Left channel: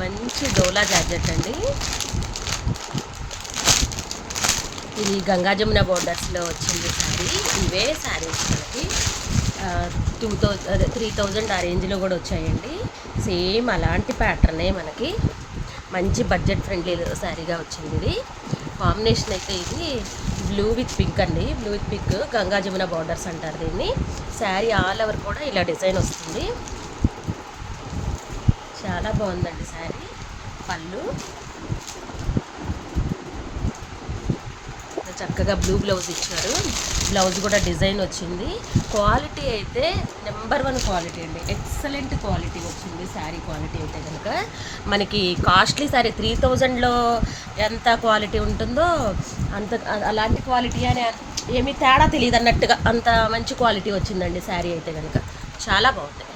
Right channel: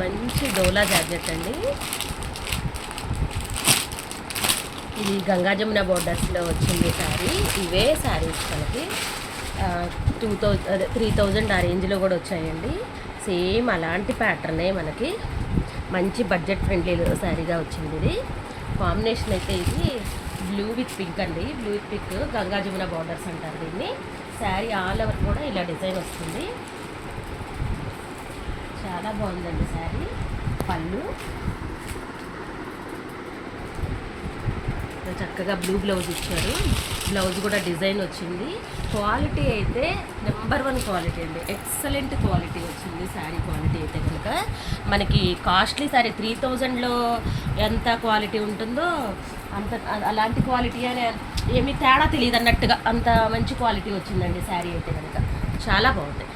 మంచి డోలా జార్జెట్ అండి. ఇది గంగా జమున బోర్డర్స్లో వచ్చింది శారీ. ఇవే శారీస్ మనకి 3000 ఆ రేంజ్లో కూడా వచ్చాయండి. సేమ్ అలాంటి ప్యాటర్నే మనకి మంచి బడ్జెట్ ఫ్రెండ్లీ శారీగా వచ్చింది. ఇది కాంబినేషన్ అయితే ఇది బ్లూ విత్ పింక్ అండి. Blue with pink Ganga Jamuna borders అంటారు దీన్ని. శారీ ఆల్ ఓవర్ కూడా ఇలా డిజైన్ వస్తుంది. చాలా బాగుందండి శారీ. పళ్ళు చక్కగా బ్లూ బ్లౌజ్ ఇచ్చారు. బ్లౌజ్ కూడా డిజైన్ వచ్చింది. క్వాలిటీ అయితే నెంబర్ 1 క్వాలిటీ అండి. ఎక్సలెంట్ క్వాలిటీ వచ్చింది శారీ క్వాలిటీ అయితే కనుక. మనకి కాస్ట్లీ శారీ 3000లో ఎంత క్వాలిటీ ఉంటుందో అంత అలాంటి క్వాలిటీ అని ఏమీ తేడా తెలియదు అన్నట్టుగా అంత మంచి క్వాలిటీ వచ్చిందండి శారీ అయితే కనుక. చాలా బాగుంది.